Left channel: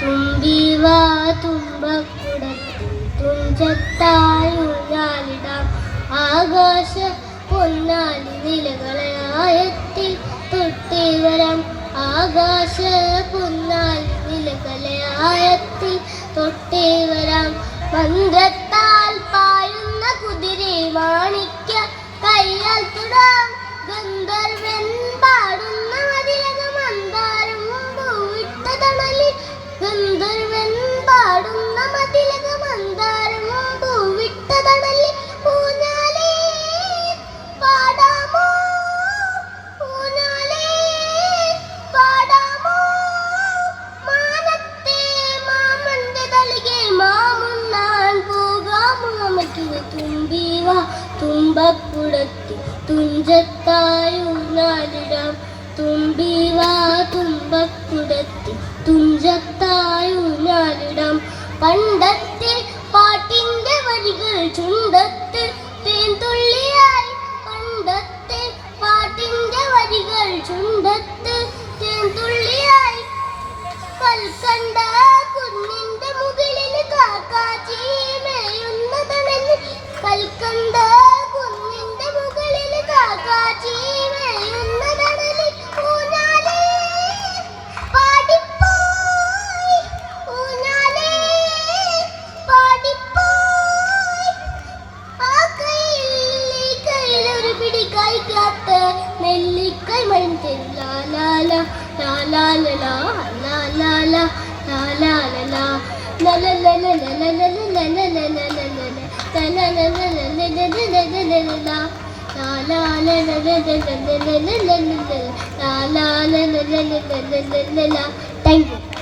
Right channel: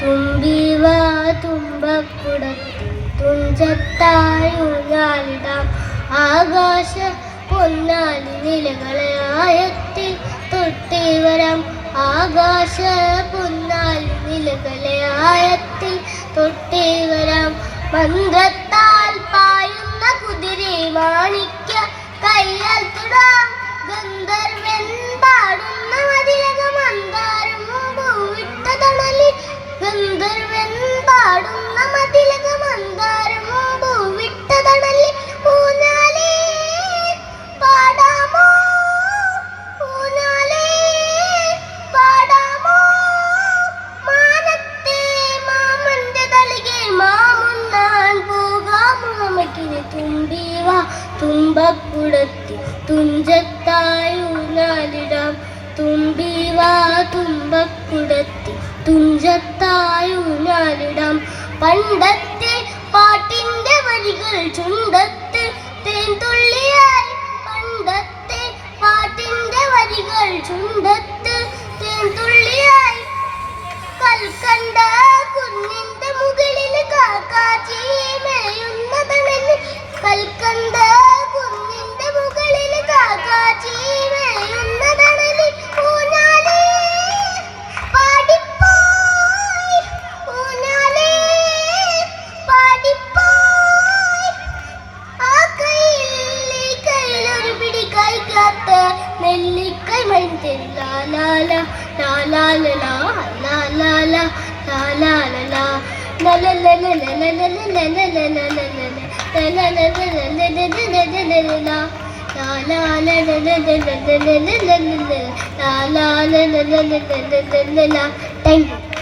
തുമ്പിവാ തുമ്പക്കുടത്തിൽ തുഞ്ചത്തായൂഞ്ഞാലിടാം ആകാശ പൊന്നാലി നിലകളെ ആയത്തിൽ തൊട്ടേ വരാം ആകാശ പൊന്നാലി നിലകളെ ആയത്തിൽ തൊട്ടേ വരാം മന്ത്രത്താൽ പായുന്ന കുതിരെ മാണിക്യ കയ്യാൽ തുടാം ഗന്ധർവൻ പാടുന്ന മതിലക മന്ദാരം പൂവിട്ട തണലിൽ ഗന്ധർവൻ പാടുന്ന മതിലക മന്ദാരം പൂവിട്ട തണലിൽ ഊഞ്ഞാലേ പാടാമോ ഊഞ്ഞാലേ പാടാമോ മാനത്തെ മാമന്റെ തളികെ മാമുണ്ണാൻ പോകാമോ മക്കിനെ തുമ്പിവാ തുമ്പക്കുടത്തിൽ തുഞ്ചത്തായി ഊഞ്ഞാലിടാം തുമ്പിവാ തുമ്പക്കുടത്തിൽ തുഞ്ചത്തായി ഊഞ്ഞാലിടാം പണ്ടത്തെ പാട്ടിന്റെ വരികൾ ചുണ്ടത്ത് തേൻതുള്ളിയായി പണ്ടത്തെ പാട്ടിന്റെ വരികൾ ചുണ്ടത്ത് തേൻതുള്ളിയായി കൽക്കണ്ട കുന്നിന്റെ മുകളിൽ കാക്കാച്ചി മേയുന്ന തണലിൽ കൽക്കണ്ട കുന്നിന്റെ മുകളിൽ കാക്കാച്ചി മേയുന്ന തണലിൽ ഊഞ്ഞാലേ പാടിപ്പോയി ഊഞ്ഞാലേ പാടിപ്പോയി ആ കയ്യിലൊരു പിടി കൈക്കാത്ത നെല്ലിക്കൈ മണിത്തരും ലാലാല ലാലാല ലാലാല ലാലാല Thank you.